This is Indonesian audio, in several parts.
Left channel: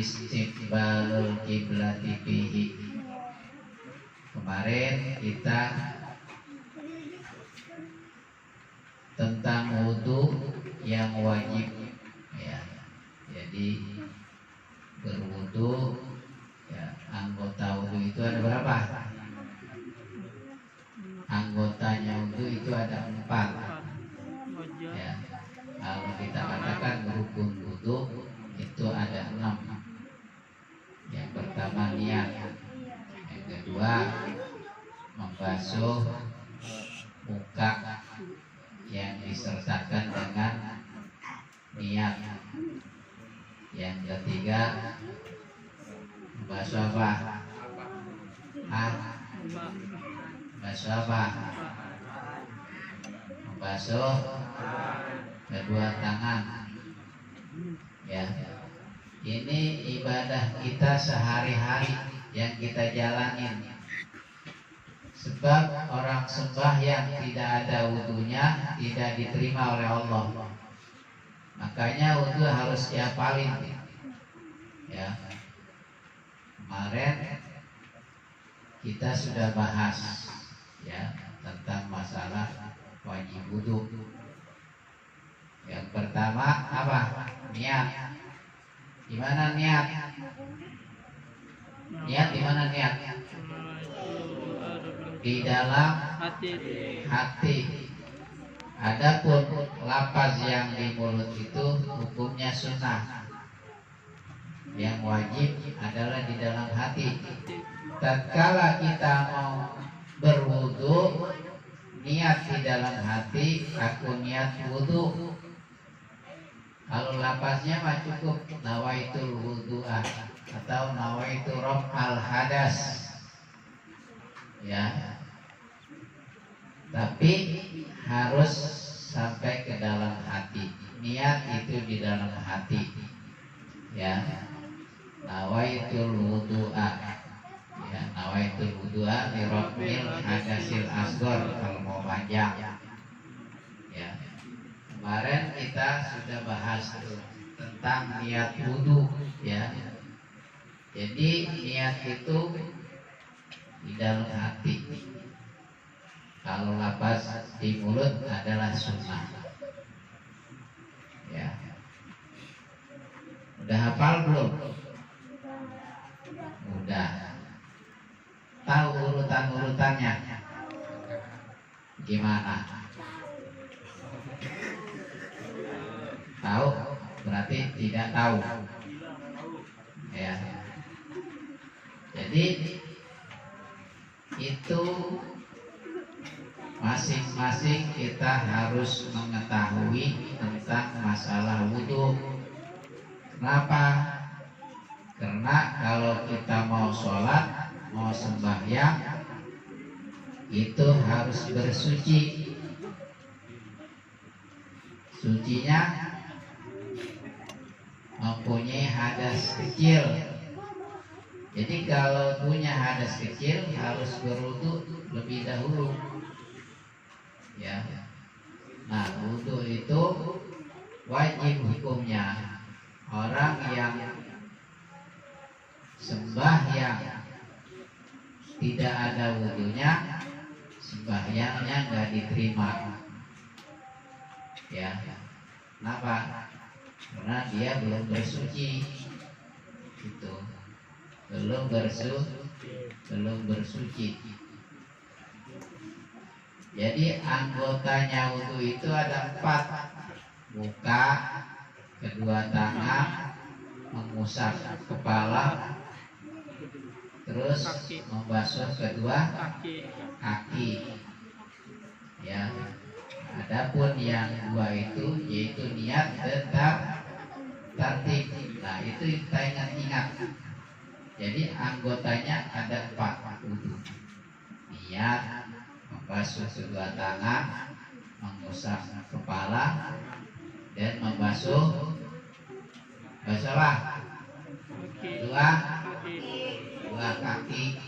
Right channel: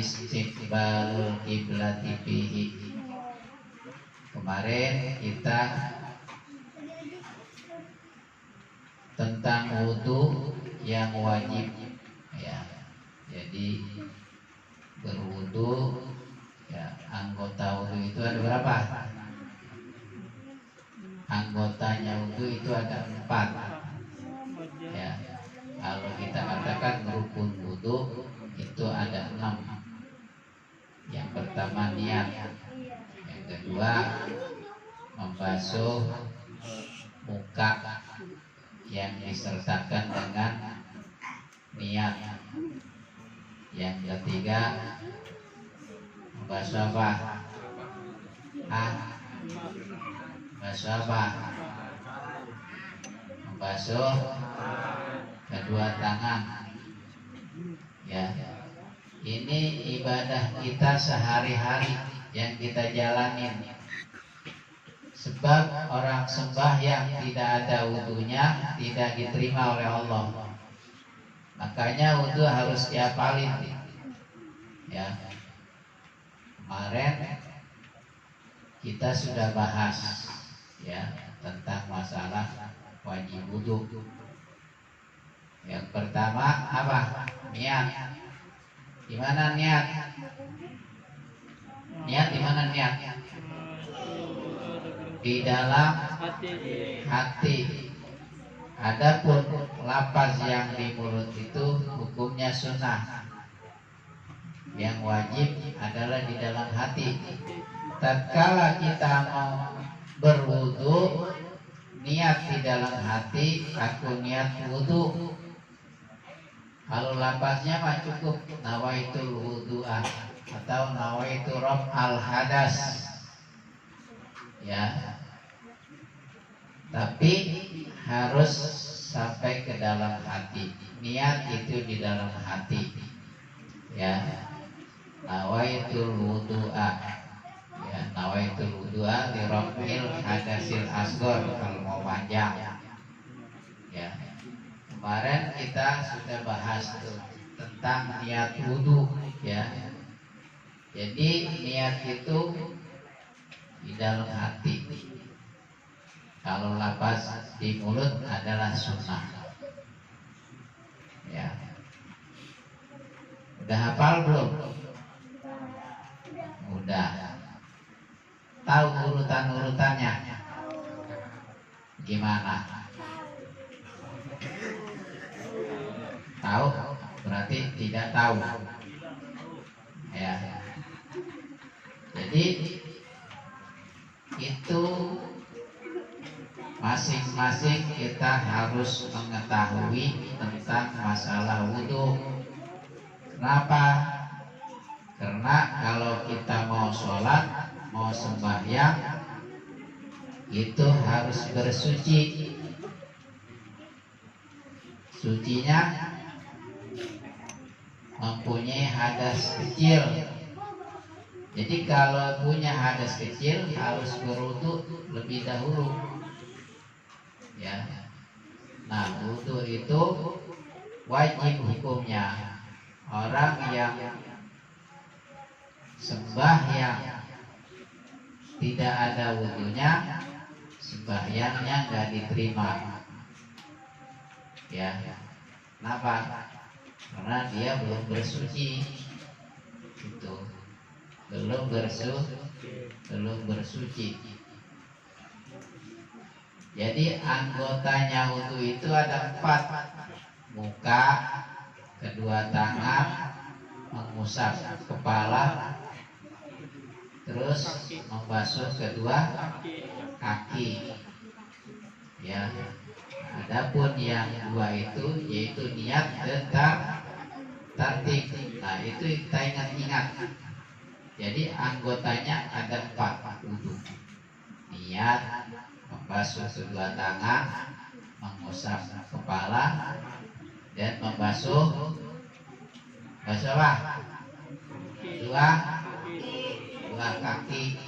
istiqbalul kiblati fihi. Kemarin kita tentang wudu yang wajib ya. Jadi berwudu ya, anggota wudu itu ada berapa? Anggotanya wudu itu ada 4 ya. Kalau kita katakan rukun wudu itu ada 6. Yang pertama niat, yang kedua membasuh muka yang disertakan dengan niat, yang ketiga membasuh apa? Membasuh apa? Membasuh kedua tangan ya. Ini ibadah kita sehari-hari yang kita jalanin. Sebab orang sembahyang tidak ada wudunya tidak diterima oleh Allah. Makanya wudu harus dihafalin ya. Kemarin kita sudah bahas ya tentang masalah wajib wudu. Yang pertama apa? Niat. Di mana niat? Niat di mana niat? Di dalam hati. Adapun lafaz yang di mulut itu hukumnya sunnah. Yang wajib adalah di dalam hati. Tatkala kita mau berwudu, niat di dalam hati, aku niat wudu. Kalau lafaznya mah cukup nawaitul wudu'a atau nawaitu raf'al hadas ya. Tapi harus sampai ke dalam hati. Niat itu di dalam hati ya. Nawaitul wudu'a ya, nawaitul wudu'a li raf'il hadasil asghar kalau mau panjang ya. Kemarin kita sudah bahas tentang niat wudu ya. Jadi niat itu di dalam hati. Kalau lafaz di mulut adalah sunnah ya. Udah hafal belum? Udah. Tahu urutan-urutannya gimana? Tahu? Berarti tidak tahu ya. Jadi itu masing-masing kita harus mengetahui tentang masalah wudu. Kenapa? Karena kalau kita mau sholat, mau sembahyang, itu harus bersuci. Sucinya mempunyai hadas kecil. Jadi kalau punya hadas kecil harus berwudu lebih dahulu ya. Nah, wudu itu wajib hukumnya. Orang yang sembahyang tidak ada wudunya, sembahyangnya nggak diterima ya. Kenapa? Karena dia belum bersuci itu, belum bersuci. Jadi anggotanya wudu itu ada 4. Muka, kedua tangan, mengusap kepala, terus membasuh kedua kaki ya. Adapun yang 2 itu yaitu niat dan tartib. Nah, itu kita ingat-ingat. Jadi anggotanya ada 4 wudu. Niat, membasuh kedua tangan, mengusap kepala, dan membasuh apa? Dua kaki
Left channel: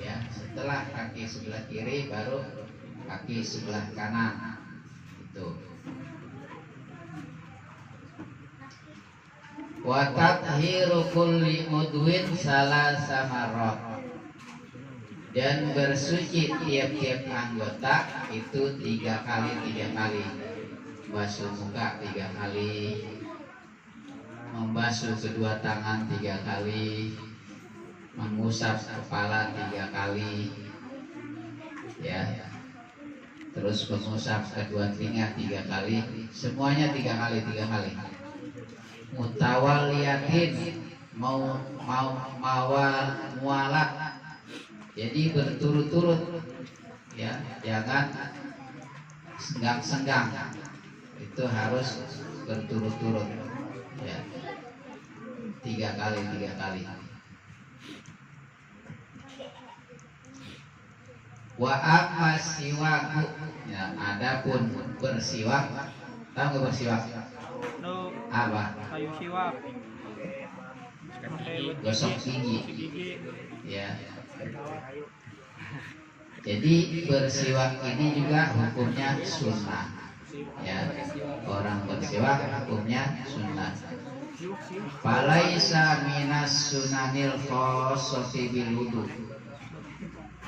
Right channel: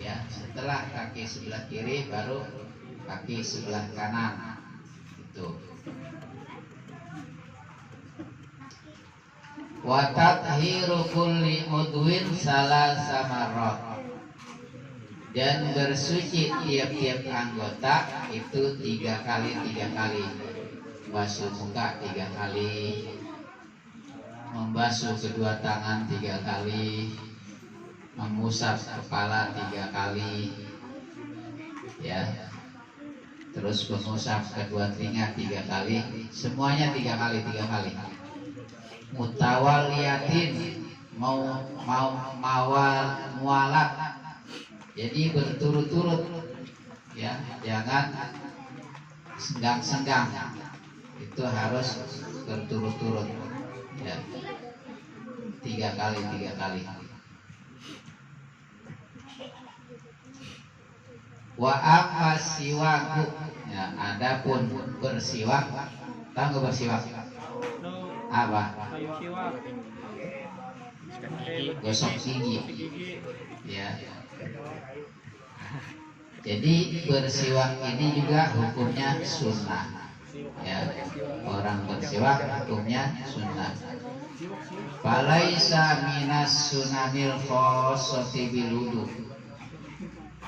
ya. Setelah kaki sebelah kiri baru kaki sebelah kanan itu. Wa tathiru kulli udwin salasa marrat, dan bersuci tiap-tiap anggota itu 3 kali. Basuh muka 3 kali, membasuh kedua tangan 3 kali, mengusap kepala 3 kali, ya. Terus mengusap kedua telinga 3 kali, semuanya 3 kali. Mutawaliyatin, mualak, jadi berturut-turut, ya, jangan senggang-senggang, itu harus berturut-turut, ya, 3 kali. Wa amma siwaku, ya, adapun bersiwak, tahu nggak bersiwak? Apa? Gosok gigi, ya. Jadi bersiwak ini juga hukumnya sunnah, ya. Orang bersiwak hukumnya sunnah. Falaisa minas sunanil khossati bil wudu.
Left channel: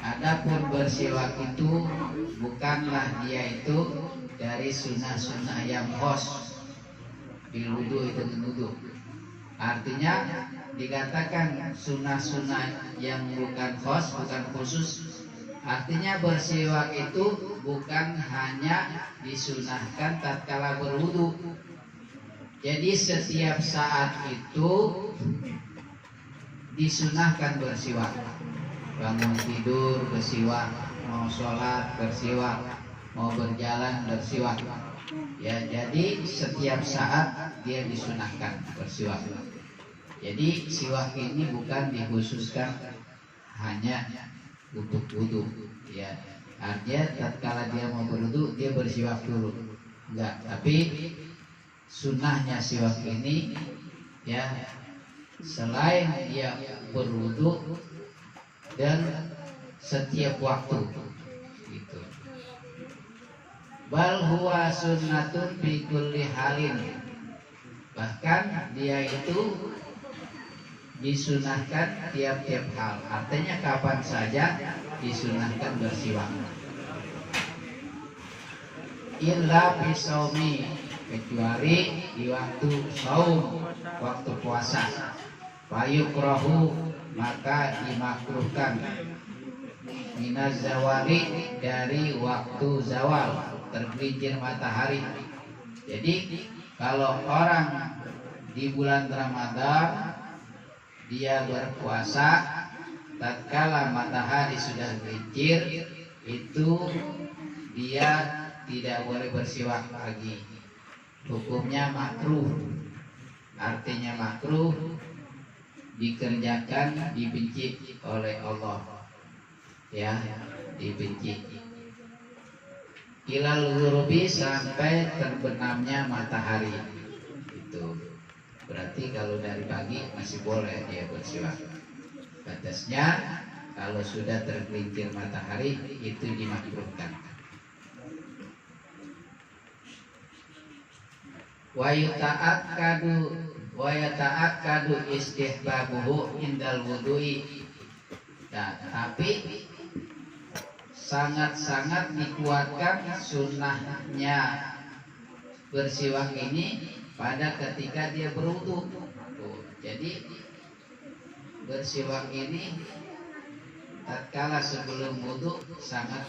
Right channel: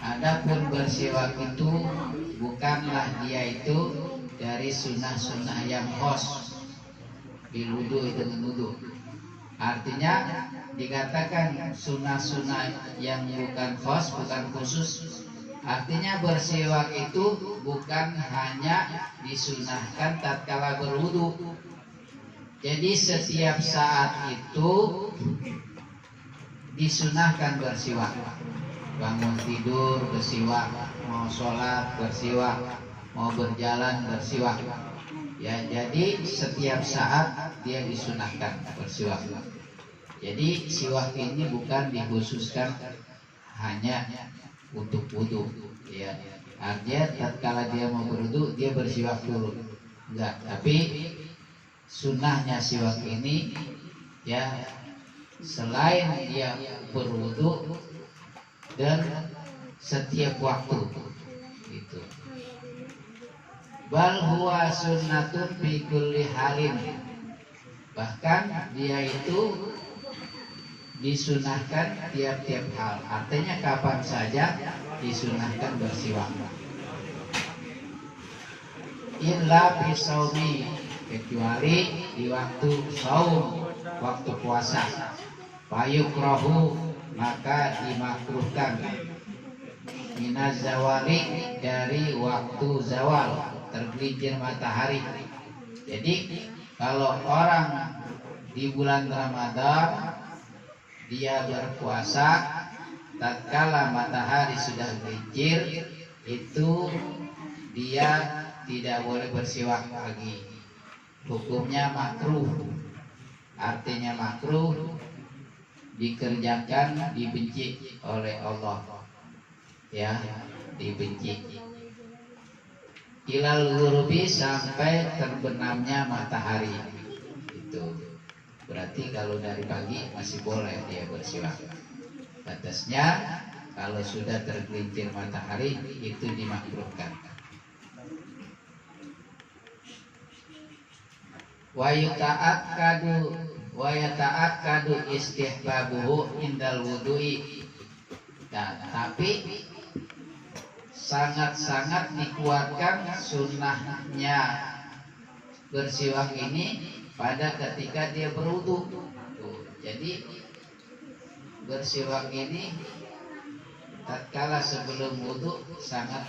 Adapun bersiwak itu bukanlah dia itu dari sunnah-sunnah yang khos. Bil wudu itu wudu. Artinya dikatakan sunnah-sunnah yang bukan khos, bukan khusus. Artinya bersiwak itu bukan hanya disunahkan tatkala berwudu. Jadi setiap saat itu disunahkan bersiwak. Bangun tidur bersiwak, mau sholat bersiwak, mau berjalan bersiwak. Ya, jadi setiap saat dia disunahkan bersiwak. Jadi siwak ini bukan dikhususkan hanya untuk wudu, ya. Artinya tatkala dia mau berwudu dia bersiwak dulu, enggak. Tapi sunnahnya siwak ini, ya, selain dia berwudu dan setiap waktu, gitu. Bal huwa sunnatun fi kulli halin, bahkan dia itu disunahkan tiap-tiap hal. Artinya kapan saja disunahkan bersiwak. Illa fi shaumi, kecuali di waktu saum, waktu puasa. Fayukrahu, maka dimakruhkan. Minaz zawali, dari waktu zawal, tergelincir matahari. Jadi kalau orang di bulan Ramadan dia berpuasa, tatkala matahari sudah gelincir, itu dia tidak boleh bersiwak lagi. Hukumnya makruh. Artinya makruh, dikerjakan, dibenci oleh Allah, ya, dibenci. Ilal ghurubi, sampai terbenamnya matahari. Itu berarti kalau dari pagi masih boleh dia bersiwak. Batasnya kalau sudah tergelincir matahari itu dimakruhkan. Wa yata'akkadu istihbabuhu indal wudu'i. Nah, tapi sangat-sangat dikuatkan sunnahnya bersiwak ini pada ketika dia berwudu. Jadi bersiwak ini tatkala sebelum wudu sangat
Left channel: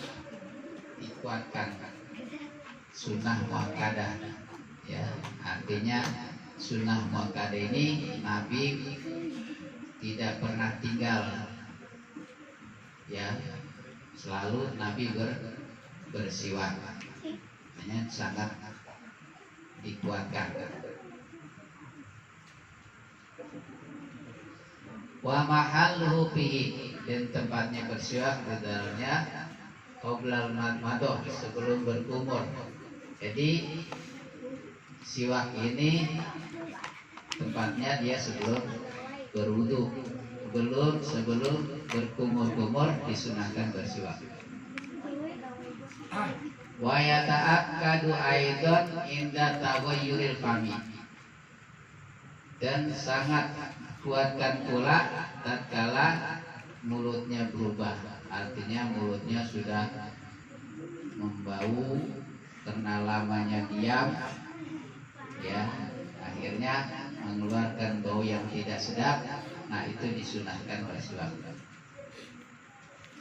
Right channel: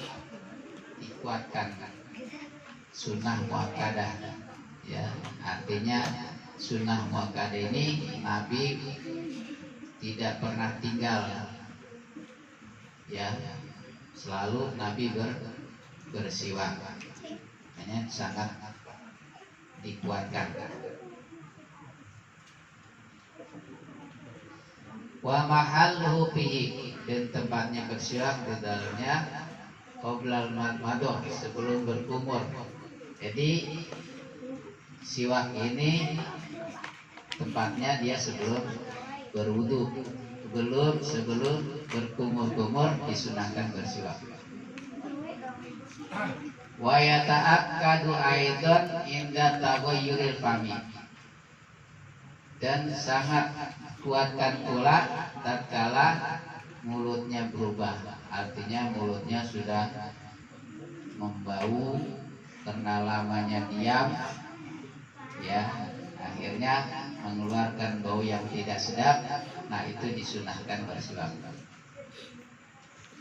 dikuatkan, sunnah muakkadah, ya. Artinya sunnah muakkadah ini Nabi tidak pernah tinggal, ya. Selalu Nabi bersiwak, hanya sangat dikuatkan. Wa mahalluhu fihi, dan tempatnya bersiwak di dalamnya qoblal madmadoh, sebelum berkumur. Jadi siwak ini tempatnya dia sebelum berwudu, sebelum berkumur-kumur disunahkan bersiwak. Wa yata'akkadu aidan inda taghayyuril fami, dan sangat kuatkan pula tatkala mulutnya berubah, artinya mulutnya sudah membau karena lamanya diam, ya akhirnya mengeluarkan bau yang tidak sedap. Nah itu disunahkan bersiwak.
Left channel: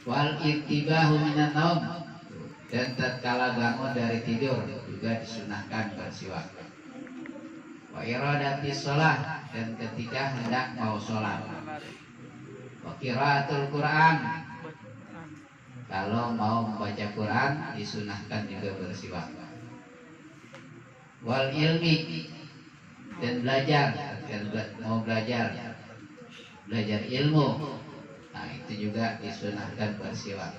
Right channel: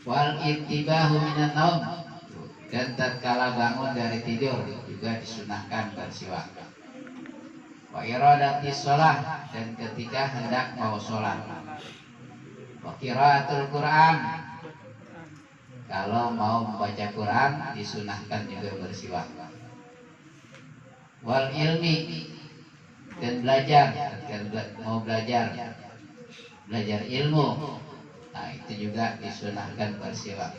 Wal intibahu minan naum, dan tatkala bangun dari tidur juga disunahkan bersiwak. Wa iradati sholah, dan ketika hendak mau sholat. Wa qiraatul Quran, kalau mau membaca Quran disunahkan juga bersiwak. Wal ilmi, dan belajar, mau belajar ilmu, nah itu juga disunahkan bersiwak.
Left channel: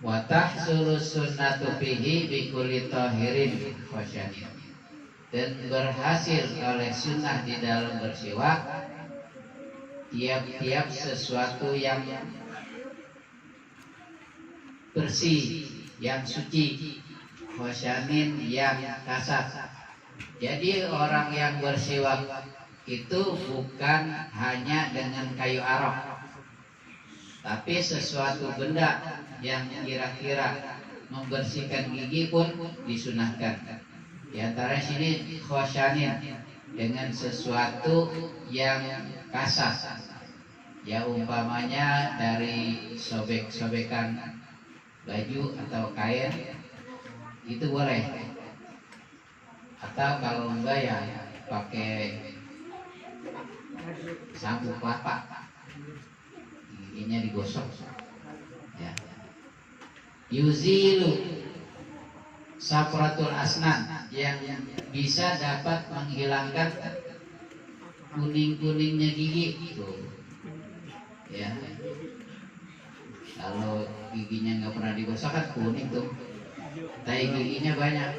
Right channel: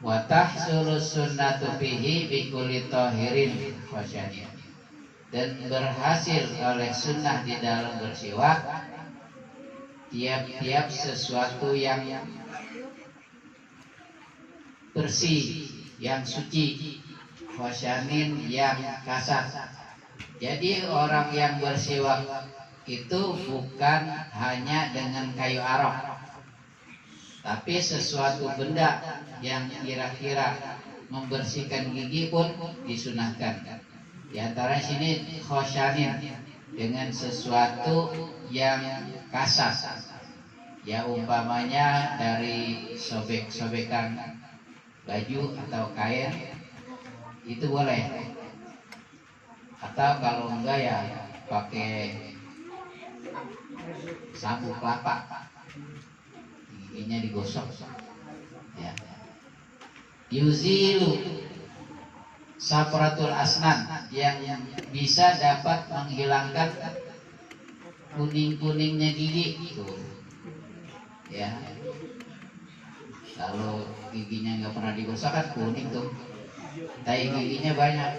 Wa tahsulu sunnatu fihi bi kulli tahirin wa syadid, dan berhasil oleh sunnah di dalam bersiwak tiap-tiap sesuatu yang bersih, yang suci, wasyanin yang kasar. Jadi orang yang bersiwak itu bukan hanya dengan kayu arok, tapi sesuatu benda yang kira-kira membersihkan gigi pun disunahkan. Di antara sini khosyanin, dengan sesuatu yang kasar, ya umpamanya dari sobek-sobekan baju atau kain itu boleh, atau kalau enggak ya pakai sabuk kelapa, giginya digosok, ya. Yuzilu sapratul asnan, yang bisa dapat menghilangkan kuning-kuningnya gigi tuh, ya. Kalau giginya nggak pernah digosok kan kuning tuh, tai giginya banyak.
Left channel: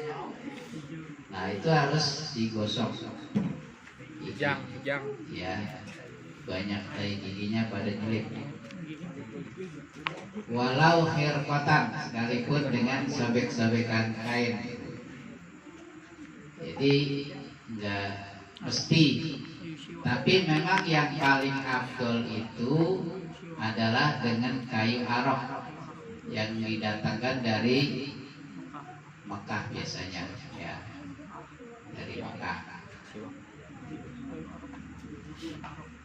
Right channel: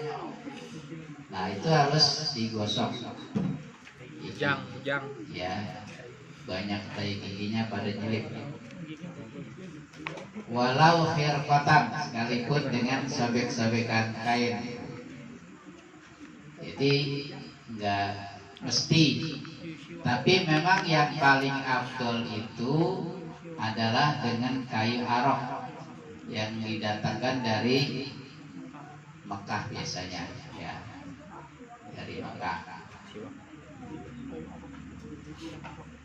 Nah itu harus digosok. Ujang. Ya, banyak tai giginya pada nyelip. Walau khirfatan, sekalipun dengan sobek-sobekan kain. Jadi nggak mesti, tapi memang yang paling afdol itu adalah dengan kayu arok yang didatangkan dari Mekah biasanya, ya, dari Mekah.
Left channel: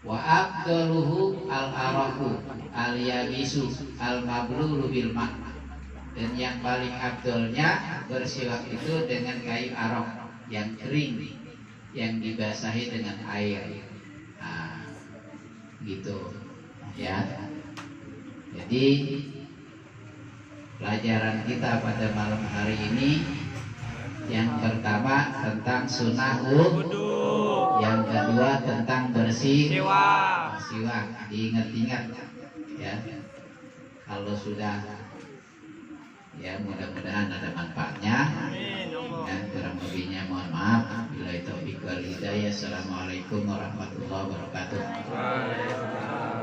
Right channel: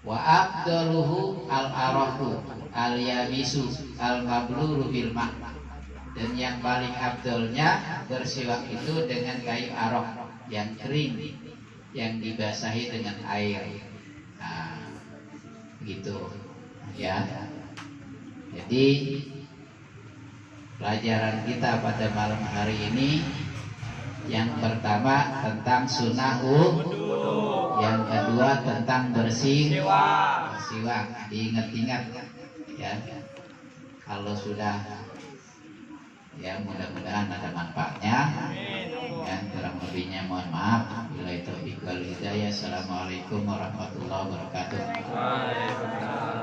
Wa afdaluhu al-arahu al-yabisu al-mablulu bil ma', dan yang paling afdolnya bersiwak itu dengan kayu arok yang kering, yang dibasahi dengan air. Nah, gitu, ya. Jadi pelajaran kita pada malam hari ini, yang pertama tentang sunnah wudu, yang kedua tentang bersiwak. Diingat-ingat, ya. Kalau sudah, ya mudah-mudahan ada manfaatnya. Dan kurang lebihnya mohon maaf. Bila itu wal hidayah. Assalamualaikum warahmatullahi wabarakatuh. Waalaikumsalam.